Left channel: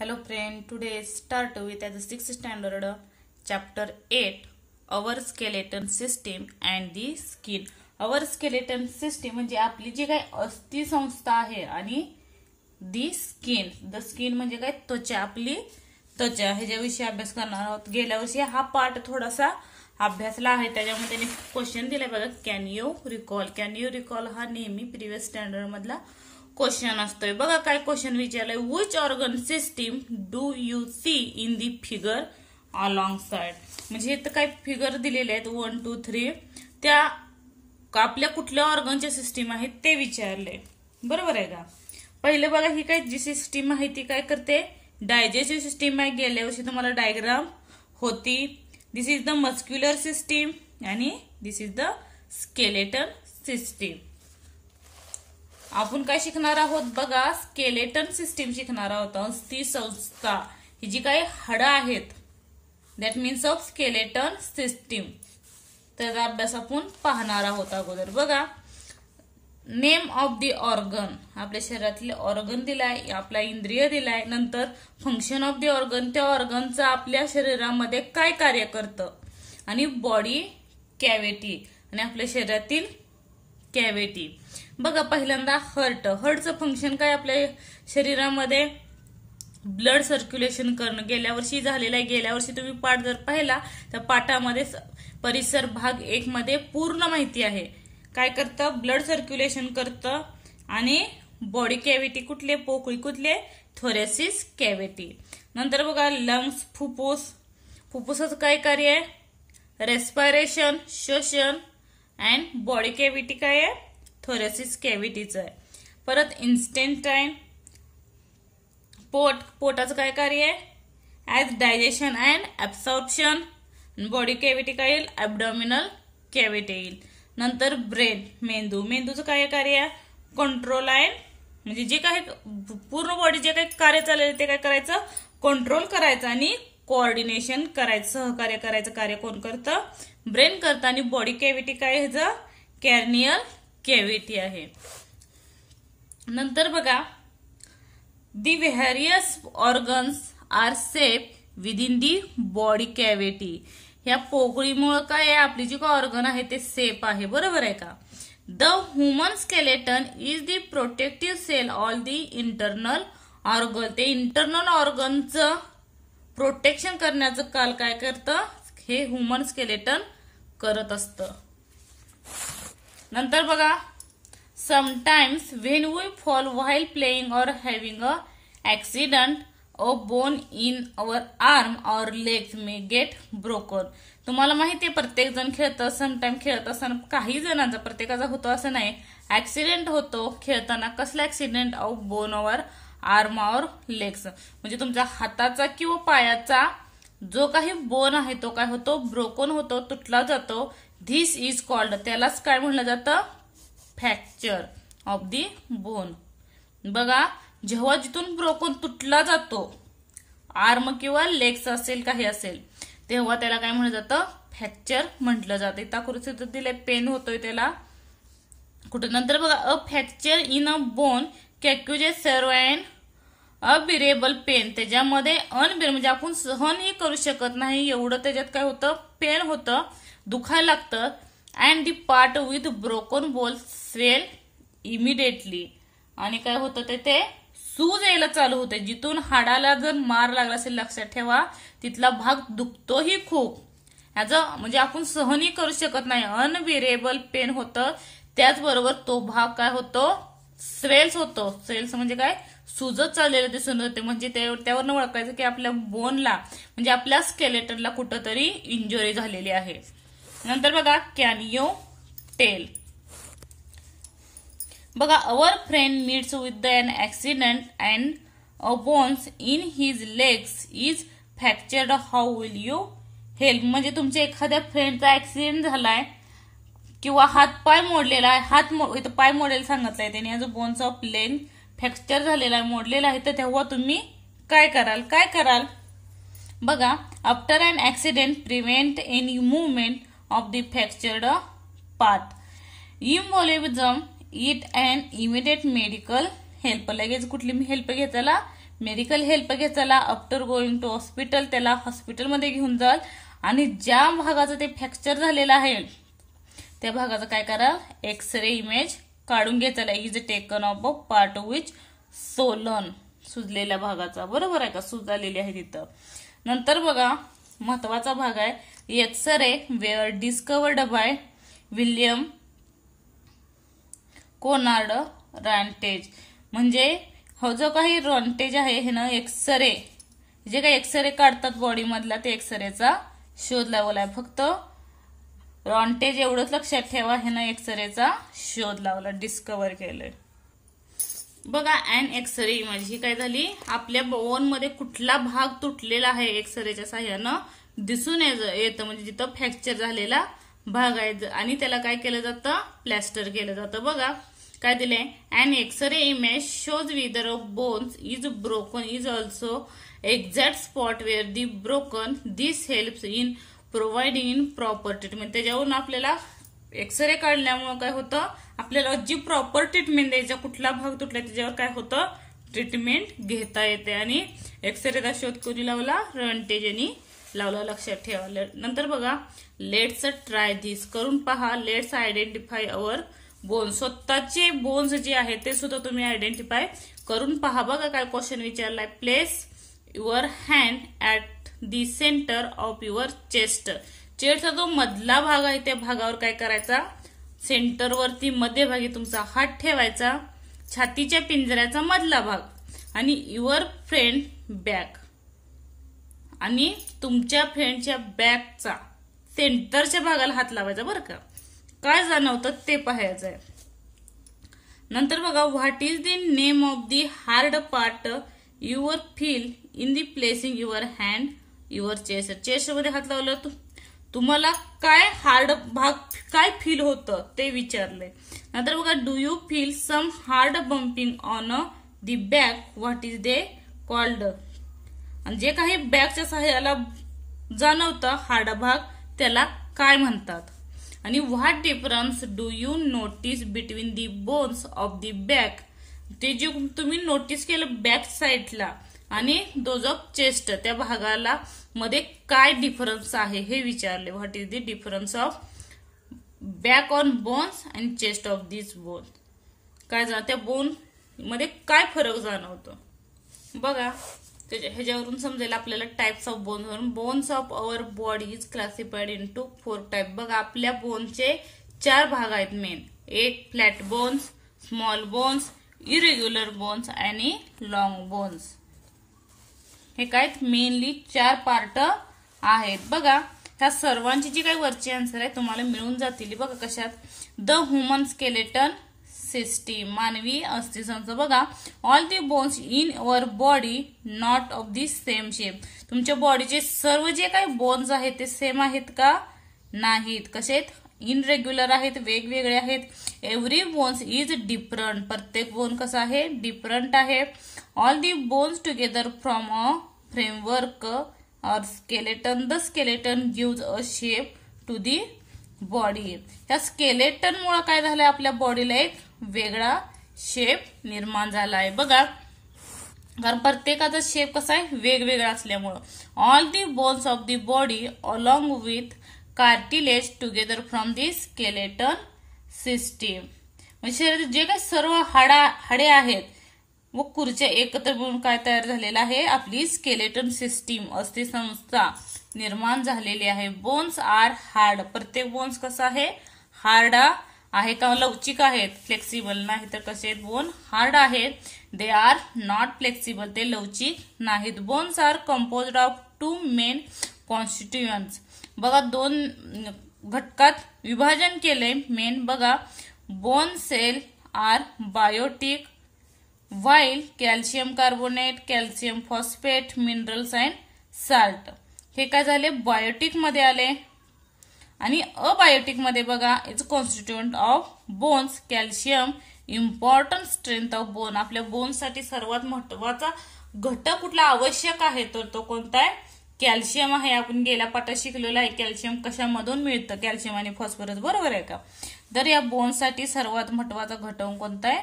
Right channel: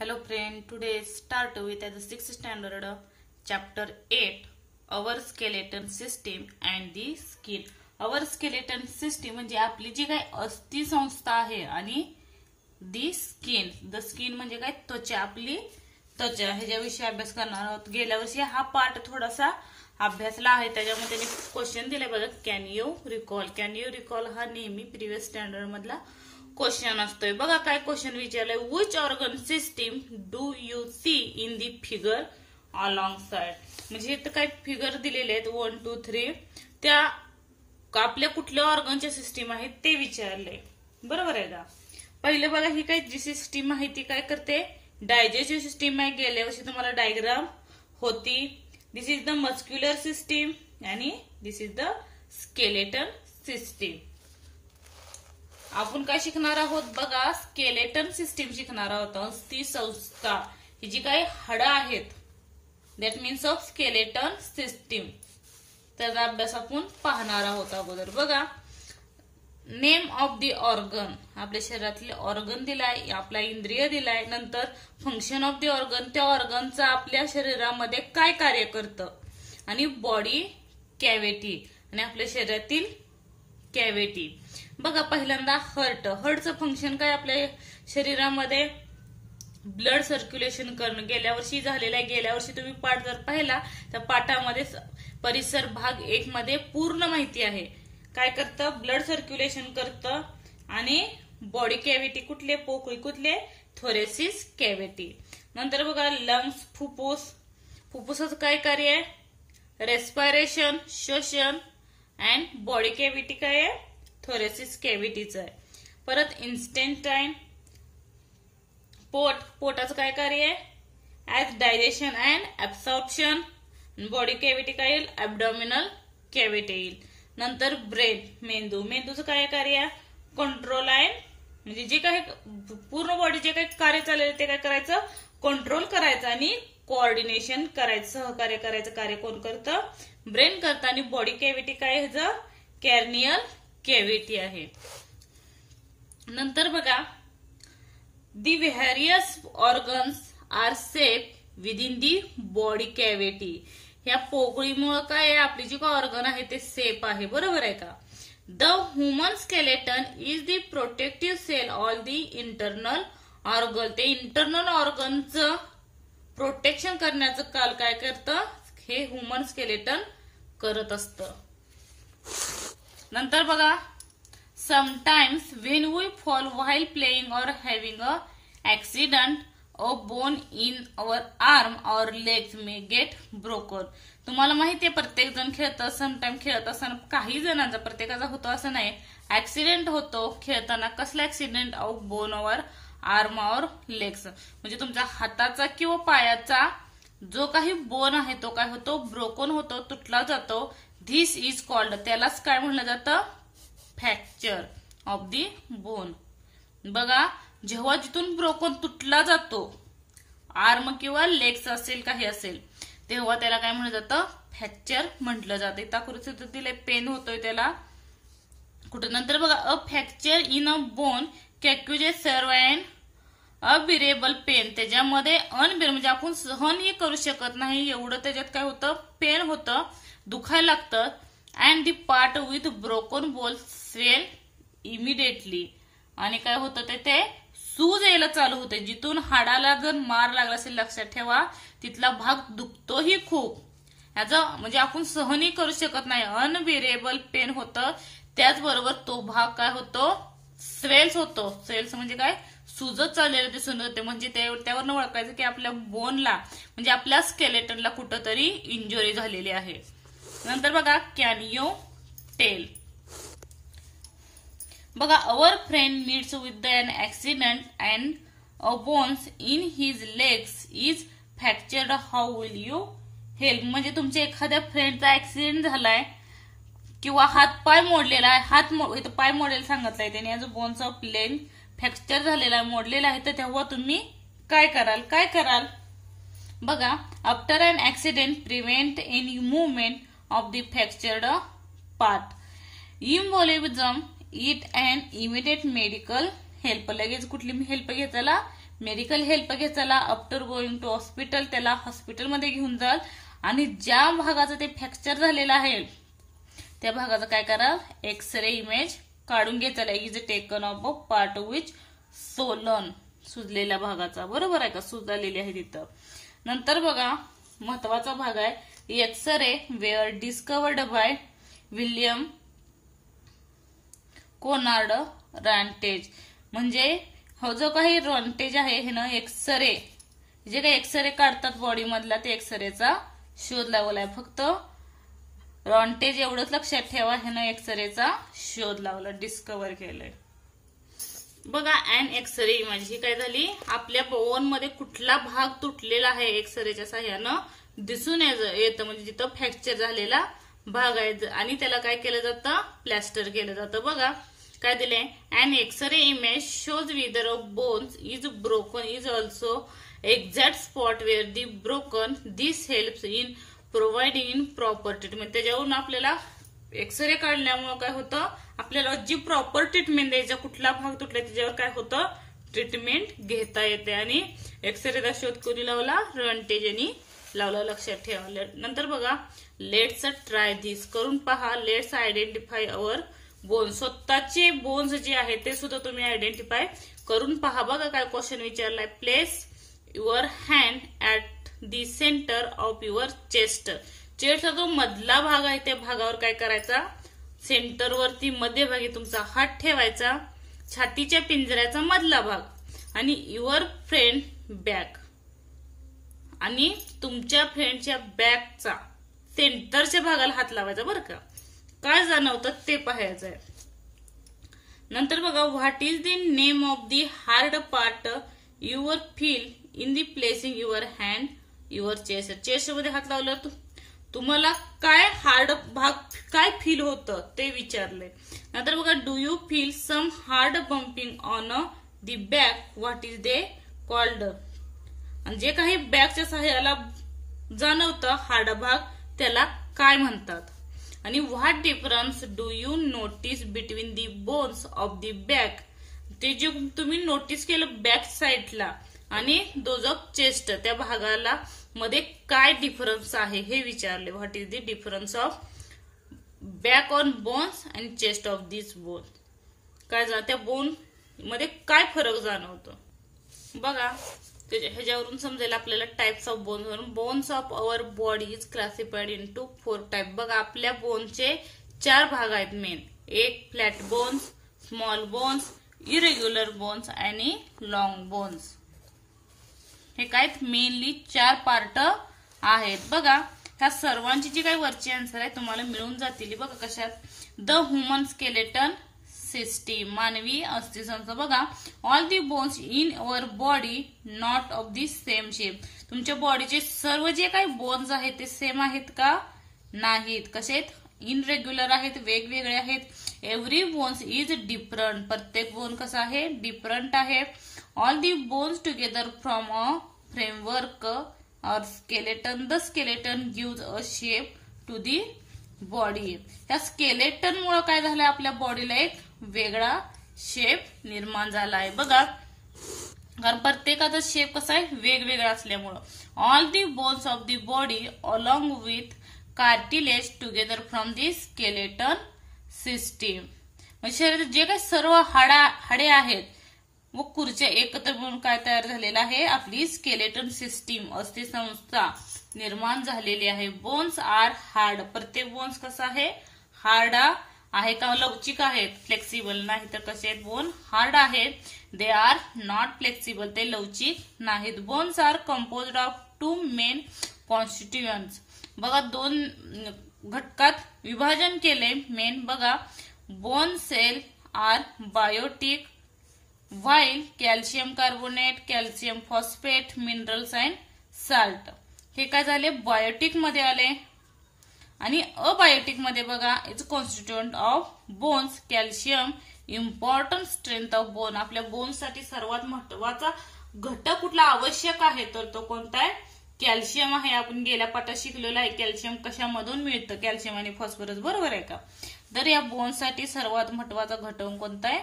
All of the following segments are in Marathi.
Hello friend, today start with the 6th standard chapter 8 our skeleton system and the skin. Our skeleton system म्हणजे आपली जी काही अस्थि संस्था आहे आणि the skin म्हणजे काय त्वचा, आपली त्वचा ह्याच्याविषयी अभ्यास करणार आहोत. गेल्या वर्षी हा पार्ट थोडासा अभ्यासला आहे, त्याच्यामध्ये त्यांनी क्वेश्चन दिले बघा. कॅन यू रिकॉल हा नेहमी प्रिव्हियस स्टँडर्ड मधला क्वेश्चन असतोय. बघा काय क्वेश्चन विचारलंय. Which organ system do you see in the figure along side. म्हणजे इथं काय फिगर दिलेले आहेत 1 2 3, त्या आपल्या कुठल्या ऑर्गनच्या सिस्टीम आहेत ते विचारले. बरोबर आहे का. पहिले बघा ही काय जी सिस्टीम आहे ती काय करते, डायजेस्टिव्ह सिस्टीम आहे. गेल्या वर्षी तुम्हाला डायग्राम होती. दिस इज द मस्क्युलर सिस्टीम आणि दिस इज द स्केलेटन सिस्टीम. आपण काय शिकणार आहोत बघा, स्केलेटन सिस्टीम शिकणार आहोत. अस्थि संस्था ही जी काही हाडं आहेत, that means of skeleton system, त्याचा अभ्यास आपण पाहणार आहोत. अगोदर बघा नेम ऑफ द ऑर्गन, आपल्या शरीरातले ऑर्गन दिलाय, आपला इंद्रिय दिलाय. नंतर फंक्शन ऑफ द ऑर्गन, त्या ऑर्गनचा आपल्या शरीरामध्ये काय कार्य करतं, आणि बॉडी कॅव्हिटी आणि आपल्या शरीरातील कॅव्हिटी. बघा पहिल्यांदा हार्टचं फंक्शन काय, आपल्या शरीरामध्ये ब्लड सर्क्युलेशन करणं. गेल्या वर्षी झालेलं आहे. गेल्या वर्षी तुम्ही पाठ जर पाहिला तर पाठामध्ये परिसर भाग 1 मध्ये पूर्ण माहिती आहे. काय करतं, ब्लड सर्क्युलेशन करतं. आणि बॉडी कॅव्हिटी कुठले, पोकळी कुठले, थोरेसिस कॅव्हिटी. नंतर बघा लंग्स, फुफ्फुसाचं काय कार्य आहे, रेस्पिरेशन श्वसन. अँड बॉडी कॅव्हिटी काय आहे, थोरेसिस कॅव्हिटीचं आहे. परत इन्स्टेंटाईन, पोटाचं काय कार्य आहे, as digestion and absorption. Body cavity काय येईल, ऍब्डॉमिनल कॅव्हिटी येईल. नंतर ब्रेन, मेंदूचं काय कार्य आहे, कंट्रोल अँड, म्हणजे जे काही पूर्ण बॉडी जे काही कार्य चाललेलं ते काय करायचं, कंट्रोल करायचं आणि कोऑर्डिनेशन करायचं, सहकार्य करायचं कार्य कोण करतं, ब्रेन करतं. आणि बॉडी कॅव्हिटी काय ह्याचं, कॅर्नियल कॅव्हिटी आहे. नंतर बघा the various organs are safe within the body cavity. ह्या पोकळीमुळे काय आहे, आपली जी काय ऑर्गन आहे ते सेफ आहे. बरोबर आहे का. The human skeleton is the protective cell all the internal organ. ते इंटरनल ऑर्गनचं प्रोटेक्शन करण्याचं काल काय करतं, हे ह्युमन स्केलेटन करत असतं. नंतर बघा sometimes when we fall while playing or having a accident, a bone in our arm or legs may get broken. तुम्हाला माहिती आहे प्रत्येक जण खेळतं, समटाइम खेळत असताना काही जणांचा, प्रत्येकाचा होतो असं नाही, ऍक्सिडेंट होतो खेळताना. कसला accident, of bone our arm or legs, म्हणजे तुमच्या हाताचा किंवा पायाचा जो काही बोन आहे तो काय होतो, ब्रोकन होतो, तुटला जातो. धिस इज कॉल्ड, त्यालाच काय म्हणलं जातं, फ्रॅक्चर ऑफ दी बोन. बघा जेव्हा जिथून ब्रोकन तुटला जातो, आर्म किंवा लेग्स असेल काही असेल, तेव्हा त्याला काय म्हणलं जातं, फ्रॅक्चर म्हटलं जातं. इथं आकृतीत दिले पेन होतोय त्याला कुठे. नंतर बघा अ फ्रॅक्चर इन अ बोन कॅक्युजेस सर्व अँड अबिरेबल पेन. त्याच्यामध्ये अनबिरेबल म्हणजे आपण सहनही करू शकत नाही एवढं त्याच्यात काय होतं, पेन होतं, दुखायला लागतं. And the part with broken बोल स्वेल इमिडिएटली. आणि काय होतं ते सूज यायला चालू होते. जिथून हाडाला जर मार लागला असेल, लक्षात ठेवा तिथला भाग दुखतोही खूप. याचं म्हणजे आपण सहनही करू शकत नाही, अनबिरेबल पेन होतं. त्याचबरोबर तो भाग काय होतो, स्वेल्स होतो. स्वेल्स म्हणजे काय, सुजत चाललेलं दिसून येते. म्हणजे त्यावरनं ओळखायचं की आपल्या बोनला म्हणजे आपल्या स्केलेटनला कुठंतरी इंजुरी झालेली आहे. नंतर बघा कॅन यू टेल. बघा our friend meets with an accident and a bones in his legs is fractured, how will you help. म्हणजे तुमच्या एखाद्या फ्रेंडचा ऍक्सिडेंट झालाय किंवा हात पाय मोडलेला आहे, इथं पाय मोडलेला सांगितलंय त्याने, जो बोन्स ऑफ लेग फ्रॅक्चर झालेला आहे, मोडलेला आहे, तर तेव्हा तुम्ही काय कराल. बघा after an accident prevent any movement of the fractured part. Immobilise it and immediate medical help. लगेच कुठली हेल्प घेताला, मेडिकल हेल्प घेताला आफ्टर गोइंग टू हॉस्पिटल, त्याला हॉस्पिटलमध्ये घेऊन जाल आणि ज्या भागाचं ते फ्रॅक्चर झालेलं आहे त्या भागाचं काय करा, एक्सरे इमेज काढून घेताला. Is taken of a part which swollen, सुजलेल्या भागाचा. बरोबर आहे का, सूज आलेली आहे तिथं. नंतर बघा महत्वाचा भाग आहे X ray were discovered by William Conrad Roentgen. म्हणजे हो जो काही रॉन्टेज आहे हे ना एक्सरे, जे काही एक्सरे काढतात बॉडी मधला ते एक्सरेचा शोध लावलाय. फक्त रॉन्टेज एवढंच लक्षात ठेवा, हे ना एक्सरेचा शोध लावला, डिस्कवर केलंय. बघा अँड एक्सरे इमेज ही काय झाली, आपल्या बोन मध्ये कुठला भाग तुटलेला आहे एक्सरेच्या साह्यानं दिसून येतं. म्हणजे जिथं फ्रॅक्चर झालेला भाग आहे आणि त्याला काय केलं जातं, प्लॅस्टर केलं जातं. बघा काय दिलंय, and X ray image shows whether of bones is broken is also exact spot where the broken. This helps in providing in proper treatment. त्याच्यावरून आपल्याला एक्सरे काढल्यामुळे काय होतं, आपल्याला जी प्रॉपर ट्रीटमेंट द्यायचा, कुठला भाग तुटला त्याच्यावर काय होतं, ट्रीटमेंट घेता येते. आणि एक्सरेचा शोध कोणी लावला, रॉन्टेज यांनी लावला, लक्षात ठेवा. नंतर बघा लेट्स ट्राय धिस, करून पहा. लेट्स आयडेंटिफाय अवर बोन्स, स्वतःचे बोन्स जे आहेत ते सुद्धा तुम्ही आयडेंटिफाय करून पहा. बघा काय क्वेश्चन विचारलाय, place your hand at the centre of your chest. चेस्टचा जो मधला भाग आहे त्या भागावर काय करायचा, सेंटरवरती मध्यभागी तुमचा हात ठेवायचा, छातीच्या पिंजऱ्याचा मधला भाग, आणि युअर फ्रेंड बॅक, आणि तुमच्या फ्रेंडच्या बॅकचा सेंटरच्या भागाला हात लावायचा. बरं का, काय जाणवतं ते पाहायचंय. नंतर बघा what is the name of the hard part your feel in the placing your hand your chest. Chest मध्ये हात लावलं तुम्हाला काय हार्ड भाग काय फील होतं ते विचारलंय. नंतर बघा do you feel some hard bumping on the back, what is they called. आणि जे काही बॅकच्या सहाय्याला जाणवतं हार्ड भाग त्याला काय म्हणतात. आणि what difference do you notice between the bones of the back. ते जे तुम्ही नोटीस केलं बॅक साइडला आणि दोज ऑफ चेस्ट त्या भागाला मध्ये काय डिफरन्स आहे हे विचारले. What is the difference of back on bones and chest of this bone. काय त्या बोन मध्ये काय फरक जाणवतो. बघा ह्याच्यावरून समजेल आपल्याला टाइप्स ऑफ बोन्स वरून. Bones of our body is classified into 4 type. बघा आपल्या बोनचे 4 भाग आहेत मेन. एक flat bones, small bones, irregular bones आणि लॉंग बोन्स. हे काय मेनली 4 पार्ट आहेत. बघा ह्या सर्वांची जी काही वरची आन्सर आहे तुम्हाला मिळून जातील. बघा कशात, द ह्युमन स्केलेटन सिस्टीम, मानवी अस्थिसंस्था. बघा all the bones in our body not of the same shape. तुमच्या बॉडीचे सर्व जे काही बोन्स आहेत ते सेम आहेत का, नाहीत. कसे आहेत, इनरेग्युलर आहेत, वेगवेगळे आहेत. एव्हरी बोन्स इज डिफरंट, प्रत्येक बोन कसा आहे, डिफरंट आहे. All the bones together from a framework or skeleton. The skeleton gives a shape to the body. त्या स्केलेटन मुळे काय झालंय, आपल्या बॉडीला एक वेगळा शेप निर्माण झाला आहे. बघा कारण प्रत्येकाचा शेप कसा आहे, वेगवेगळा असल्यामुळं. All the bones of the body along with cartilage together from the skeleton system. म्हणजे शरीरात जे काही सर्व हाडे आहेत व खुर्च्या एकत्र मिळून काय तयार झालेला आहे, आपली स्केलेटन सिस्टीम अस्थिसंस्था निर्माण झालेली आहे. Bones are hard. प्रत्येक बोन्स कसा आहे, हार्ड आहे का, लवचिक आहेत, फ्लेक्सिबल नाही. तर कसे आहेत, बोन हार्ड आहेत. दे आर नॉट फ्लेक्सिबल, ते लवचिक नाहीत. Bones are composed of 2 main constituents. बघा 2 घटकात विभाजन केले मेन. बघा bone cell are biotic while calcium carbonate, calcium phosphate, minerals and salt हे काय झाले, बायोटिक मध्ये आले. आणि अबायोटिक मध्ये बघा it's constituent of bones. Calcium important strength of bone. आपल्या बोनसाठी सर्वात महत्वाचा घटक कुठला आवश्यक आहे, तर तो कोणता आहे, कॅल्शियम आहे. आपण गेल्या पाठात शिकलेलो आहे कॅल्शियम कशामधून मिळतं, कॅल्शियम आणि फॉस्फरस. बरोबर आहे का. तर या बोनसाठी सर्वात महत्वाचा घटक कोणता आहे,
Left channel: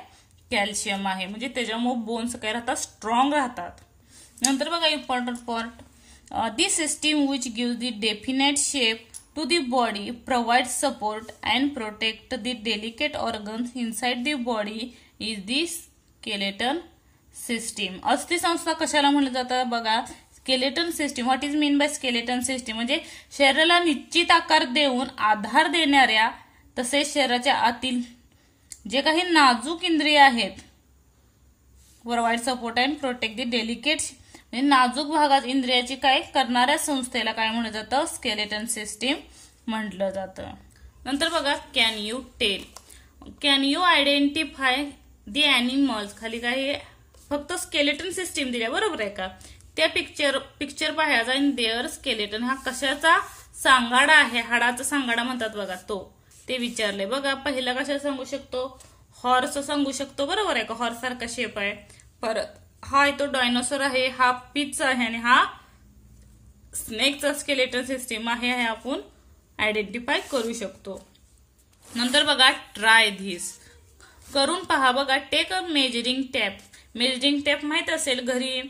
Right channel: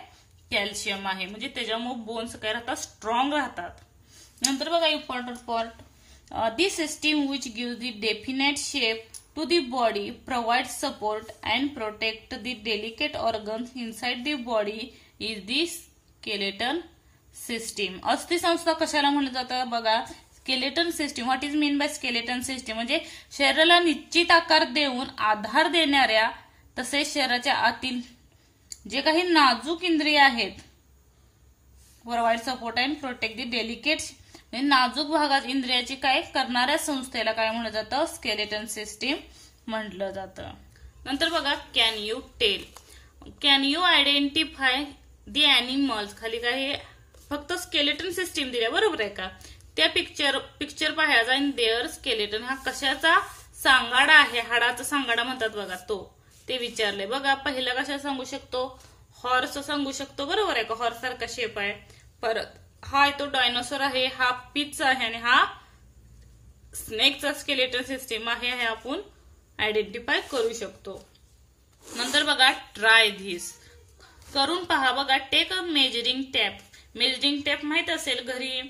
कॅल्शियम आहे. म्हणजे त्याच्यामुळे बोन्स काय राहतात, स्ट्रॉंग राहतात. नंतर बघा important part, the system which gives the definite shape to the body, provide support and protect the delicate organs inside the body is the skeleton system. अस्थिसंस्था कशाला म्हणलं जातं बघा, skeleton system. What is mean by skeleton system म्हणजे शरीराला निश्चित आकार देऊन आधार देणाऱ्या तसेच शरीराच्या आतील जे काही नाजूक इंद्रिय आहेत, provide support and protect the delicate, नाजूक भागात इंद्रियाची काय करणाऱ्या संस्थेला काय म्हणलं जातं, स्केलेटन सिस्टीम म्हटलं जातं. नंतर बघा can you tell, can you identify the animals. खाली काय फक्त स्केलेटन सिस्टीम दिल्या, बरोबर आहे का. त्या पिक्चर पाहायचा आणि देअर स्केलेटन हा कशाचा सांगाडा आहे, हाडाचा सांगाडा म्हणतात बघा तो, ते विचारले बघा. पहिला कशा सांगू शकतो, हॉर्स सांगू शकतो, बरोबर आहे का, हॉर्स सारखा शेप आहे. परत हा आहे तो डायनोसॉर आहे, हा पिच आहे आणि हा स्नेकचा स्केलेटन सिस्टीम आहे, हे आपण आयडेंटिफाय करू शकतो. नंतर बघा ट्राय धिस, करून पहा बघा. Take a measuring tape, measuring tape माहित असेल घरी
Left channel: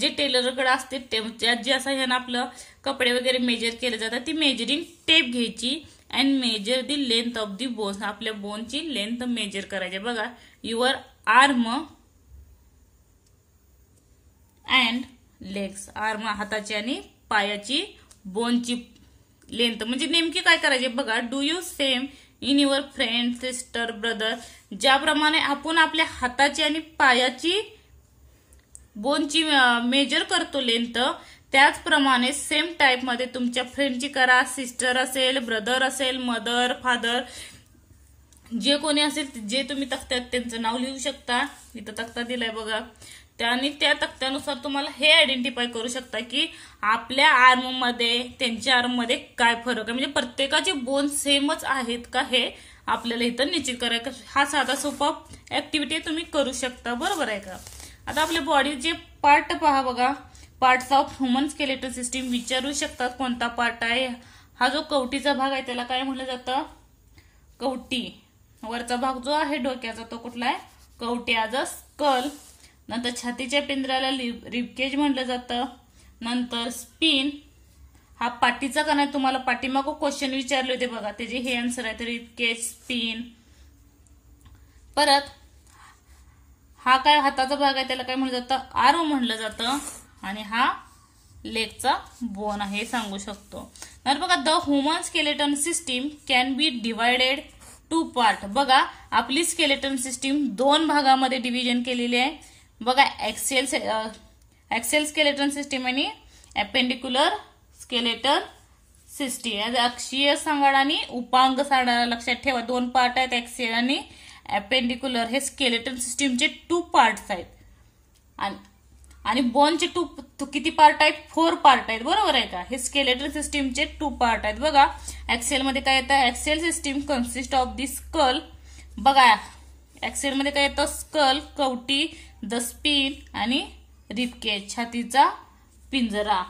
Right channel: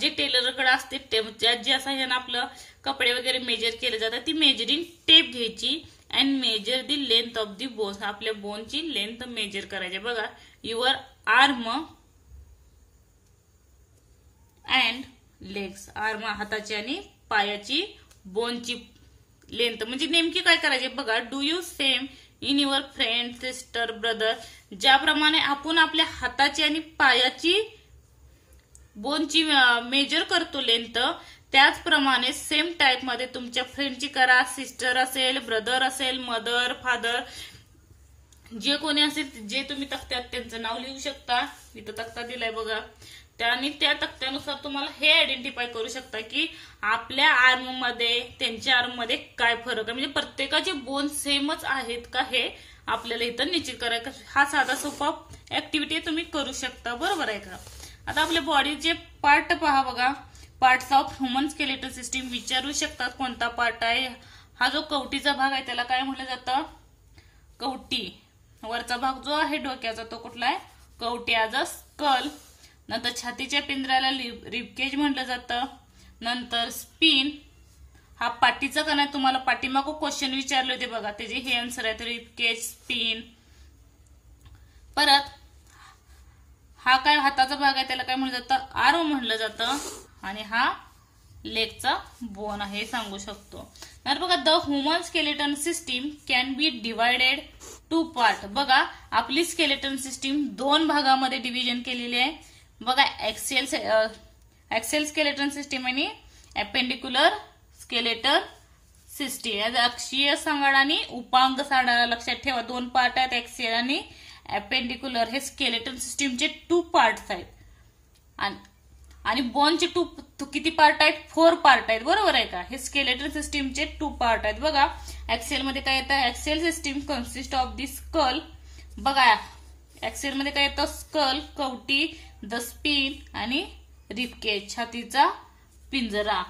जे टेलरकडे असते, ज्यात जे असं ह्यानं आपलं कपडे वगैरे मेजर केले जातात, ती मेजरिंग टेप घ्यायची and measure the length of the bones, आपल्या बोनची लेंथ मेजर करायची बघा. Your arm and legs, arm हाताची आणि पायाची बोनची लेंथ म्हणजे नेमकी काय करायची बघा. Do you same in your friend, sister, brother, ज्याप्रमाणे आपण आपल्या हाताची आणि पायाची बोनची मेजर करतो लेंथ, त्याचप्रमाणे सेम टाईप मध्ये तुमच्या फ्रेंडची करा. सिस्टर असेल, ब्रदर असेल, मदर, फादर, जे कोणी असेल जे तुम्ही तक्त्यात त्यांचं नाव लिहू शकता. इथं तक्ता दिलाय बघा. आणि त्या तक्त्यानुसार तुम्हाला हे आयडेंटिफाय करू शकता की आपल्या आर्म मध्ये त्यांच्या आर्म मध्ये काय फरक आहे, म्हणजे प्रत्येकाचे बोन सेमच आहेत का हे आपल्याला इथं निश्चित करायचं. हा साधा सोपा ऍक्टिव्हिटी तुम्ही करू शकता, बरोबर आहे का. आता आपल्या बॉडीचे पार्ट पहा बघा. Parts of human skeletal system विचारू शकतात कोणता पार्ट आहे. हा जो कवटीचा भाग आहे त्याला काय म्हटलं जातं, कवटी. वरचा भाग जो आहे डोक्याचा तो कुठला आहे, कवटी, आज अ स्कल. नंतर छातीच्या पिंजऱ्याला रिबकेज म्हटलं जातं. नंतर स्पिन, हा पाठीचा कणा, तुम्हाला पाठीमागं क्वेश्चन विचारले होते बघा, त्याचे हे आन्सर आहे, रिबकेज, स्पिन. परत हा काय हाताचा भाग आहे त्याला काय म्हटलं जातं, आर्म म्हटलं जातं. आणि हा लेगचा बोन आहे सांगू शकतो. तर बघा the human skeleton system can be divided to part. बघा आपली स्केलेटन सिस्टीम दोन भागामध्ये डिव्हिजन केलेली आहे बघा. एक्सेल स्केलेटन सिस्टीम आणि अपेंडिक्युलर स्केलेटन सिस्टीम. अक्षीय सांगाडा आणि उपांग सांगाडा लक्षात ठेवा, दोन पार्ट आहेत, एक्सेल आणि अपेंडिक्युलर. हे स्केलेटन सिस्टीमचे 2 पार्ट्स आहेत. आणि बोनचे किती पार्ट आहेत, 4 पार्ट आहेत, बरोबर आहे का. हे स्केलेटन सिस्टीमचे 2 पार्ट आहेत बघा. एक्सेल मध्ये काय येतं, axial system consist of the skull. बघा एक्सेल मध्ये काय येतं, स्कल, कवटी, द स्पिन आणि रिबकेज, छातीचा पिंजरा.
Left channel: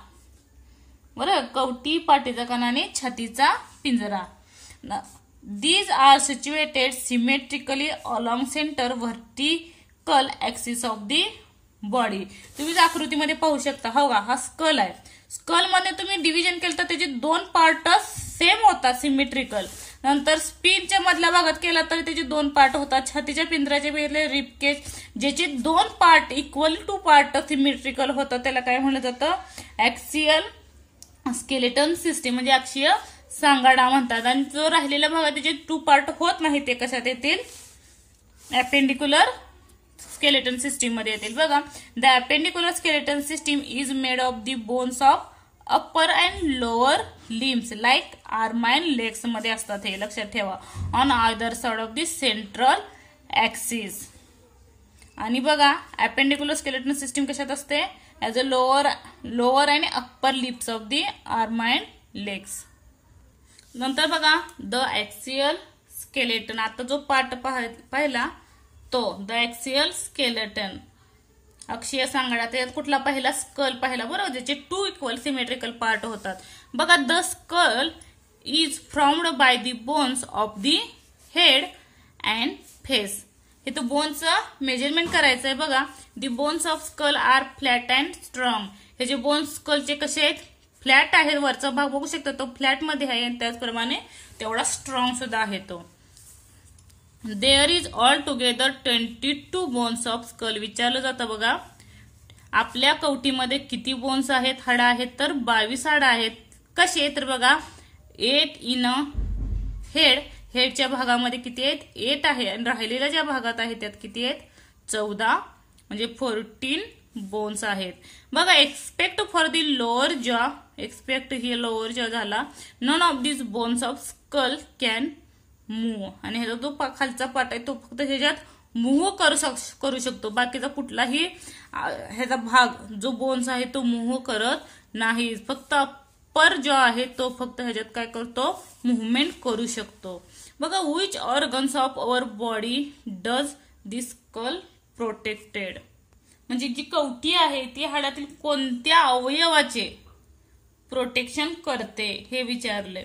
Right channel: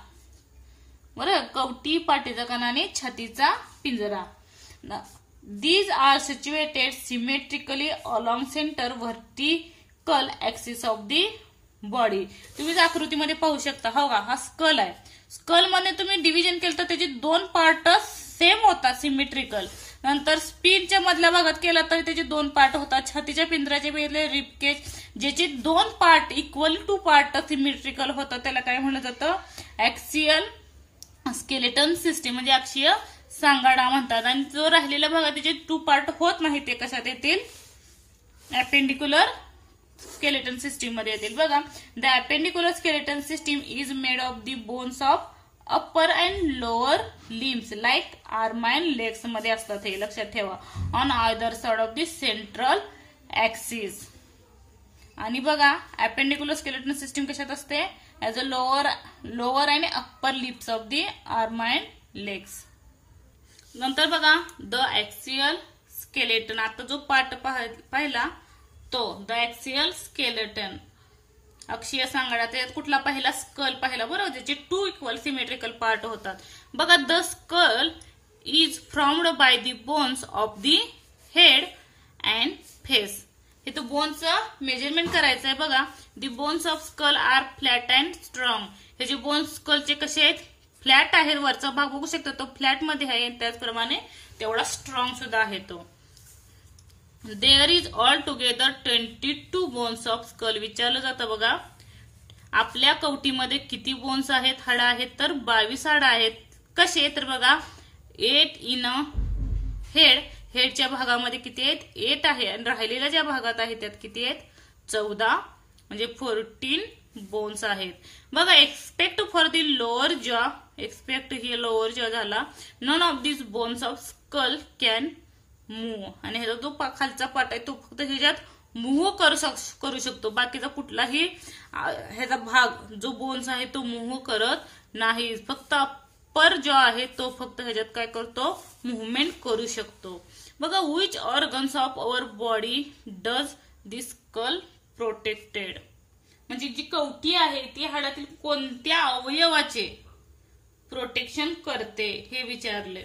बरोबर, कवटी, पाठीचा कणा आणि छातीचा पिंजरा. These are situated symmetrically along center vertical axis of the body. तुम्ही आकृतीमध्ये पाहू शकता, हो का, हा स्कल आहे. स्कल मध्ये तुम्ही डिव्हिजन केलं तर त्याचे 2 पार्ट सेम होतात, सिमेट्रिकल. नंतर स्पिनच्या मधल्या भागात केला तर त्याचे 2 पार्ट होतात. छातीच्या पिंजऱ्याचे वेगळे रिबकेज, ज्याचे 2 part equal to part symmetrical होतात, त्याला काय म्हणलं जातं, ऍक्सियल स्केलेटन सिस्टीम म्हणजे अक्षीय सांगाडा म्हणतात. आणि जो राहिलेला भाग त्याचे 2 पार्ट होत नाही, ते कशात येतील, अपेंडिक्युलर स्केलेटन सिस्टीम मध्ये येतील बघा. The appendicular skeleton system is made of the bones of upper and lower limbs like arm and legs मध्ये असतात, हे लक्षात ठेवा. On either side of the central axis. आणि बघा अपेंडिक्युलर स्केलेटन सिस्टीम कशात असते, ऍज अ लोअर आणि upper lips of the arm and legs. नंतर बघा द ऍक्सियल स्केलेटन. आता जो पार्ट पाहिला तो द ऍक्सियल स्केलेटन, अक्षीय सांगाडा. त्यात कुठला पहिला, स्कल पाहिला, बरोबर, ज्याचे 2 इक्वल सिमेट्रिकल पार्ट होतात बघा. The skull is formed by the bones of the head and face. इथं बोनचं मेजरमेंट करायचं आहे बघा. The bones of skull are flat and strong. हे जे बोन्स स्कलचे कसे आहेत, फ्लॅट आहेत. वरचा भाग बघू शकता तो फ्लॅट मध्ये आहे आणि त्याचप्रमाणे तेवढा स्ट्रॉंग सुद्धा आहे तो. There is all together 22 bones of skull. विचारलं जातं बघा आपल्या कवटीमध्ये किती बोन्स आहेत, हाडं आहेत, तर 22 हाडं आहेत. कसे तर बघा 8 इन अ हेड. हेडच्या भागामध्ये किती आहेत, 8 आहे आणि राहिलेल्या ज्या भागात आहेत त्यात किती आहेत, 14 म्हणजे 14 बोन्स आहेत. बघा except for the lower jaw. Except ही लोअर जॉ झाला. None of this bones of skull can move. आणि ह्याचा जो खालचा पार्ट आहे तो फक्त ह्याच्यात मूव्ह करू शकतो. बाकीचा कुठलाही ह्याचा भाग जो बोन्स आहे तो मूव्ह करत नाही. फक्त अप्पर जॉ आहे तो फक्त ह्याच्यात काय करतो, मुव्हमेंट करू शकतो. बघा which organs of our body does this skull protected. म्हणजे जी कवटी आहे ती हाडातील कोणत्या अवयवाचे प्रोटेक्शन करते हे विचारले.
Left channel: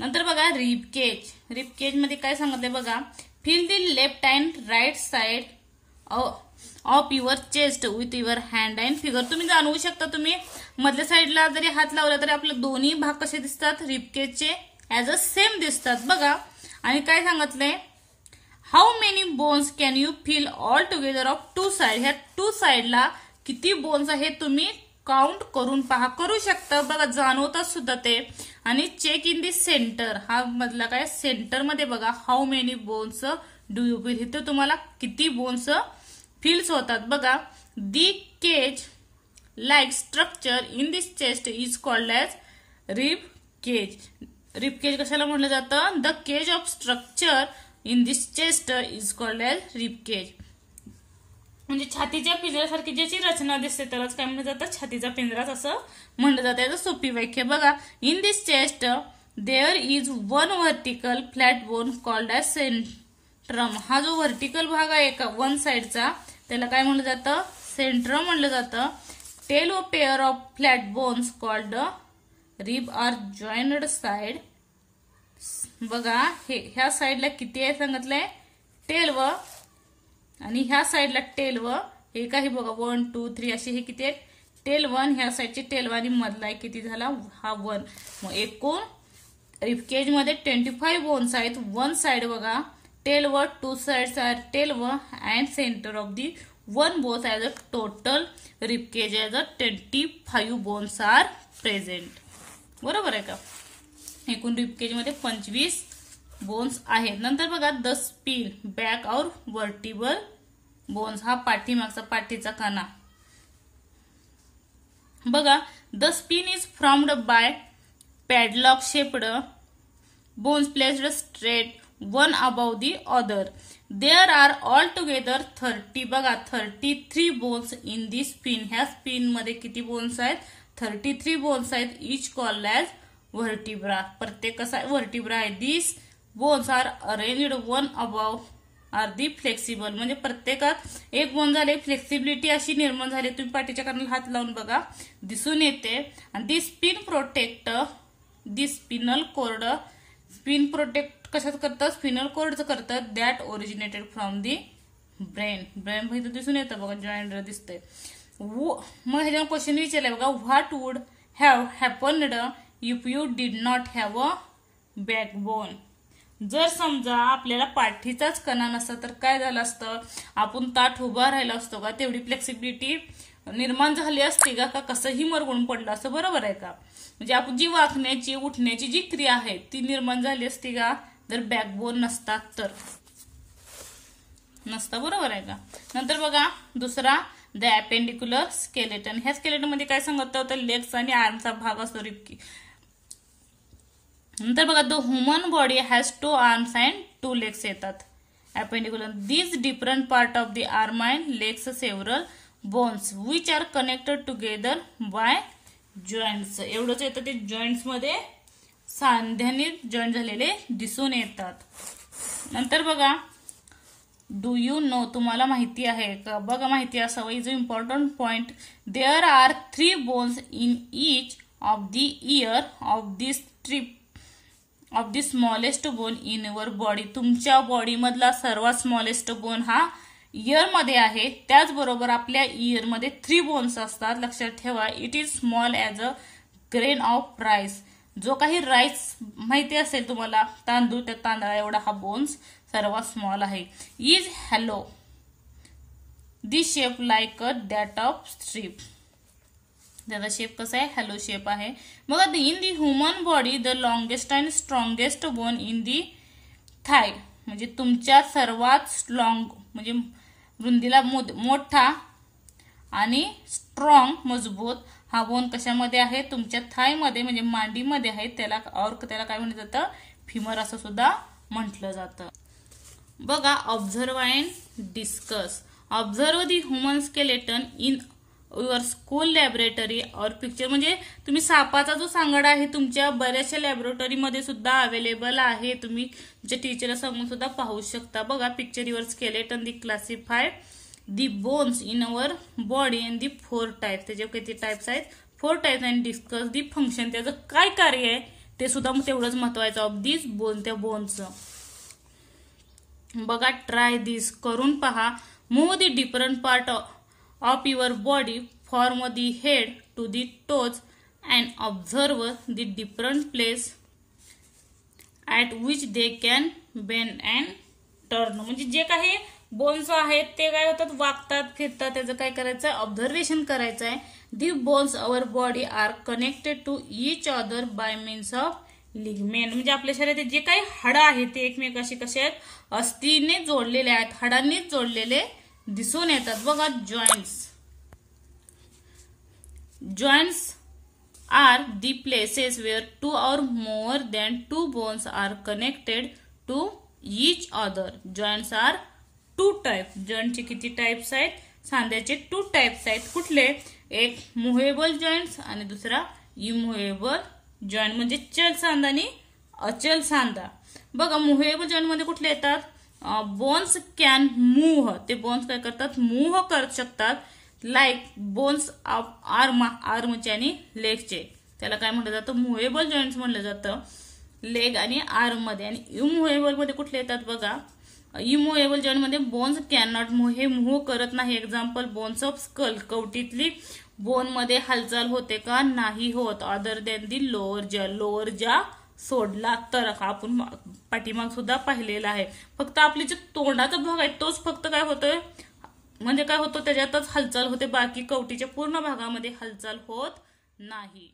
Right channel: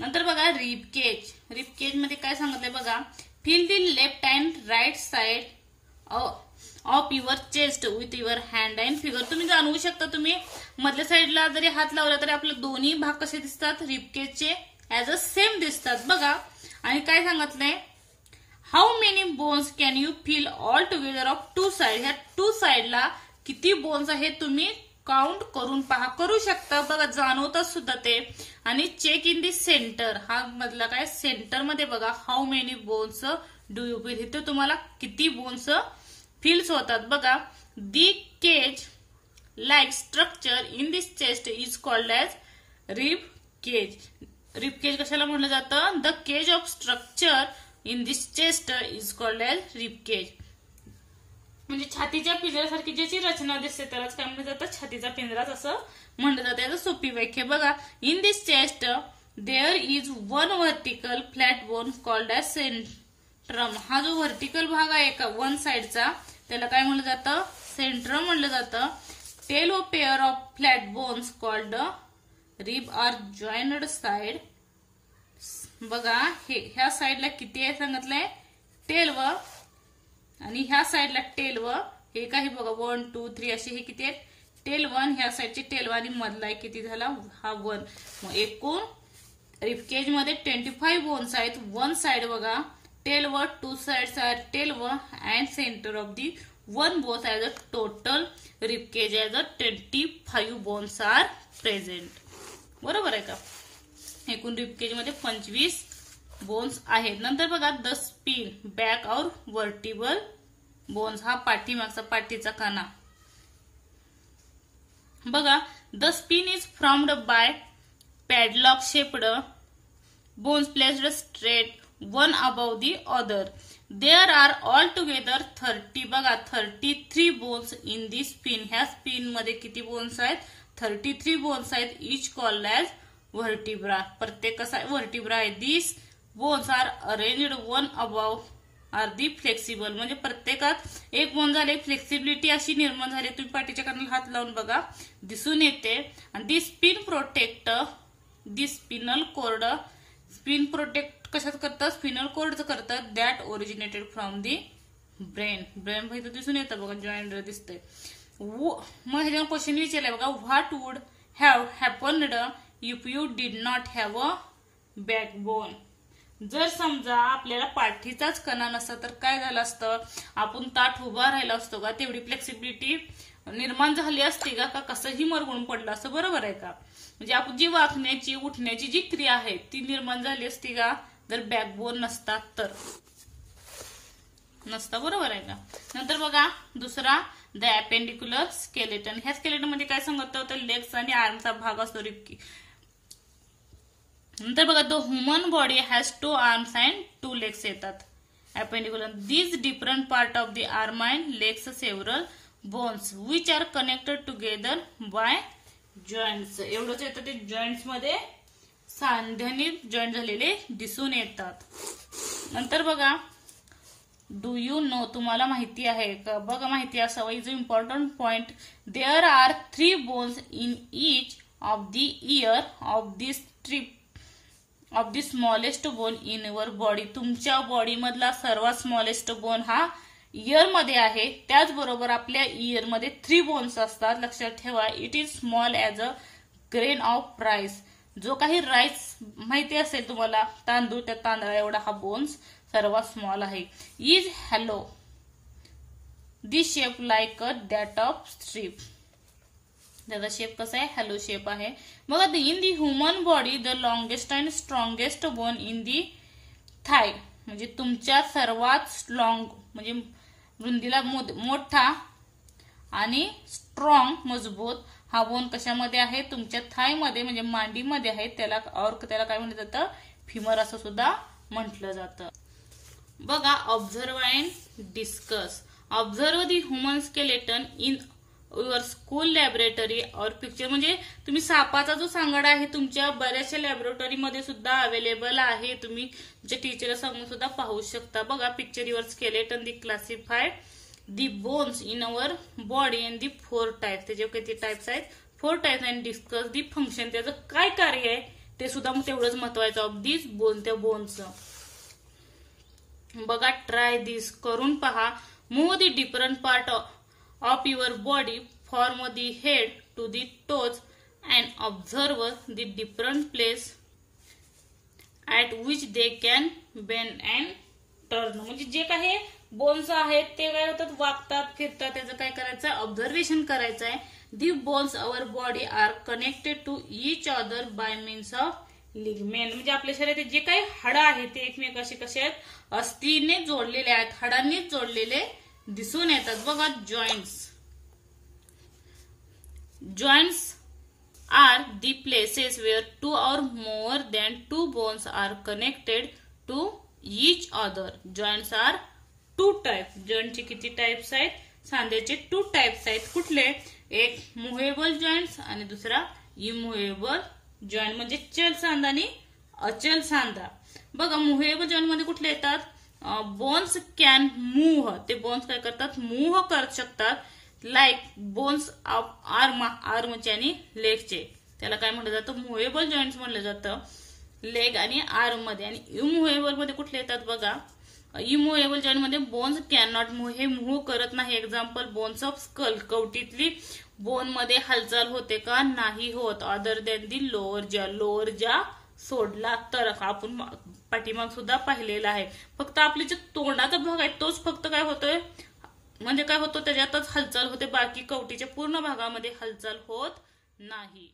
नंतर बघा रिबकेज. रिबकेज मध्ये काय सांगितलंय बघा, feel the left and right side of your chest with your hand and figure. तुम्ही जाणवू शकता, तुम्ही मधल्या साईडला जरी हात लावला तरी आपले दोन्ही भाग कसे दिसतात, रिबकेजचे ऍज अ सेम दिसतात बघा. आणि काय सांगितलंय, how many bones can you feel all together of 2 side. ह्या 2 साइडला किती बोन्स आहेत तुम्ही काउंट करून पहा, करू शकता बघा, जाणवतात सुद्धा ते. आणि चेक इन दी सेंटर. हा मधला काय सेंटर मध्ये बघा how many bones do you feel. इथे तुम्हाला किती बोन्स फील्स होतात बघा. The cage like structure in this chest is called as rib cage. Rib cage कशाला म्हटलं जातं, the cage of structure in this chest is called as rib cage. म्हणजे छातीच्या पिंजऱ्यासारखी ज्याची रचना दिसते त्यालाच काय म्हणलं जातं, छातीचा पिंजराच असं म्हणलं जातं. याचं सोपी व्याख्या बघा. In this chest there is one vertical flat bone called as sternum. हा जो व्हर्टिकल भाग आहे का वन साइडचा त्याला काय म्हणलं जातं, सेंट्रम म्हणलं जातं. Twelve pair of flat bones called rib are jointed side. बघा ह्या साइडला किती आहे सांगितलंय, 12 आणि ह्या साइडला 12. हे काही बघा 1 2 3 असे हे किती आहेत, 12. ह्या साइडचे 12 आणि मधला किती झाला हा 1. मग एकूण रिबकेज मध्ये 25 बोन्स आहेत. वन साइड बघा 12, 2 sides are 12 and center of the one bones as a total ribcage as a 25 bones are present. बरोबर आहे का. एकूण रिबकेज मध्ये 25 बोन्स आहेत. नंतर बघा the spine back or vertebral bones. हा पाठीमागचा पाठीचा कणा बघा. The spine is formed by padlock shaped bones placed straight one above the other. There are all together 30 बघा 33 बोन्स इन दी स्पिन. ह्या स्पिन मध्ये किती बोन्स आहेत, 33 बोन्स आहेत. Each called as vertebra. प्रत्येक कसा व्हर्टिब्रा आहे. This bones are arranged one above are the flexible. म्हणजे प्रत्येकात एक बोन झाले, फ्लेक्सिबिलिटी अशी निर्माण झाली. तुम्ही पाठीच्या कणाला हात लावून बघा दिसून येते. आणि the spine protect the spinal cord. Spine protect कशात करतात, स्पिनल कोर्डचं करतात. That originated from the brain. Brain इथं दिसून येतं बघा, जॉईंट दिसतंय. मग ह्याच्यावर क्वेश्चन विचारलाय बघा, what would have happened if you did not have a backbone. जर समजा आपल्याला पाठीचाच कणा नसता तर काय झालं असतं, आपण ताठ उभा राहिला असतो का, तेवढी फ्लेक्सिबिलिटी निर्माण झाली असते का, कसंही मरगळून पडलं असतं. बरोबर आहे का. म्हणजे आपण जी वाकण्याची उठण्याची जी क्रिया आहे ती निर्माण झाली असती का, जर बॅकबोन नसता तर नसता. बरोबर आहे का. नंतर बघा दुसरा द अपेंडिक्युलर स्केलेटन. ह्या स्केलेटन मध्ये काय सांगत होतं, लेग्स आणि आर्मचा भाग असतो रिबकी. नंतर बघा the human body has 2 arms and 2 legs येतात. Appendicular these different part of the arm and legs several bones which are connected together by joints. एवढंच येतं, ते जॉईंट्स मध्ये सांध्याने जॉईंट झालेले दिसून येतात. नंतर बघा डू यू नो. तुम्हाला माहिती आहे का, बघा माहिती असावं. Is a important point. There are 3 bones in each of the ear of this trip of the smallest bone in your body. तुमच्या बॉडी मधला सर्वात स्मॉलेस्ट बोन हा इयर मध्ये आहे, त्याचबरोबर आपल्या इयर मध्ये 3 बोन्स असतात. लक्षात ठेवा. It is small as a grain of rice. जो काही राईस माहिती असेल तुम्हाला, तांदूळ, त्या तांदळा एवढा हा बोन्स सर्वात स्मॉल आहे. Is hello this shape like a that of stirrup. त्याचा शेप कसा आहे? हॅलो शेप आहे. मग in the human body the longest and strongest bone in the thigh. म्हणजे तुमच्या सर्वात स्ट्रॉंग म्हणजे रुंदीला मोठा आणि स्ट्रॉंग मजबूत हा बोन कशामध्ये आहे? तुमच्या थाय मध्ये म्हणजे मांडीमध्ये आहे. त्याला काय म्हटलं जातं? फिमर असं सुद्धा म्हटलं जातं. बघा, observe and discuss. Observe the human skeleton in your school laboratory और पिक्चर. म्हणजे तुम्ही सापाचा जो सांगाडा आहे तुमच्या बऱ्याचशा लॅबोरेटरीमध्ये सुद्धा अवेलेबल आहे. तुम्ही तुमच्या टीचरला सांगून सुद्धा पाहू शकता. बघा, picture your skeleton the classify the bones in our body and the 4 types. त्याचे किती टाइप्स आहेत? 4 types. And discuss the function. त्याचं काय कार्य आहे ते सुद्धा तेवढंच महत्वाचं. ऑफ दिस बोन, त्या बोनचं. बघा, ट्राय दिस, करून पहा. Move the different part of your body from the head to the toes and observe the different place at which they can bend and turn. म्हणजे जे काही बोन्स आहेत ते काय होतात? वागतात, फिरतात. त्याचं काय करायचं? ऑब्झर्वेशन करायचं आहे. The bones our body are connected to each other by means of ligament. म्हणजे आपल्या शरीरात जे काही हाडं आहेत ते एकमेकाशी कसे आहेत? अस्थिने जोडलेले आहेत, हाडांनीच जोडलेले दिसून येतात. बघा, joints are the places where 2 or more than 2 bones are connected to each other. Joints are 2 types. जॉइंटचे किती टाइप्स आहेत? सांध्याचे 2 टाइप्स आहेत. कुठले? एक मुव्हेबल जॉइंट्स आणि दुसरा इमुव्हेबल जॉइंट. म्हणजे चल सांधा आणि अचल सांधा. बघा, मुव्हेबल जॉइंट मध्ये कुठले येतात? Bones can move. ते बोन्स काय करतात? मूव्ह कर शकतात. लाईक बोन्स ऑफ आर्मचे आणि लेगचे. त्याला काय म्हटलं जातं? मुव्हेबल जॉइंट्स म्हटलं जातं. लेग आणि आर्म मध्ये. आणि इमुव्हेबल मध्ये कुठले येतात? बघा, इमुव्हेबल जॉइंट मध्ये बोन्स कॅन नॉट मूव्ह. हे मूव्ह करत नाही. Example bones of skull. कवटीतली बोन मध्ये हालचाल होते का? नाही होत. Other than the lower jaw. Lower jaw सोडला तर. आपण पाठीमाग सुद्धा पाहिलेला आहे. फक्त आपली जो तोंडाचा भाग आहे तोच फक्त काय होतोय? म्हणजे काय होतं? त्याच्यातच हालचाल होते. बाकी कवटीच्या पूर्ण भागामध्ये हालचाल होत नाही.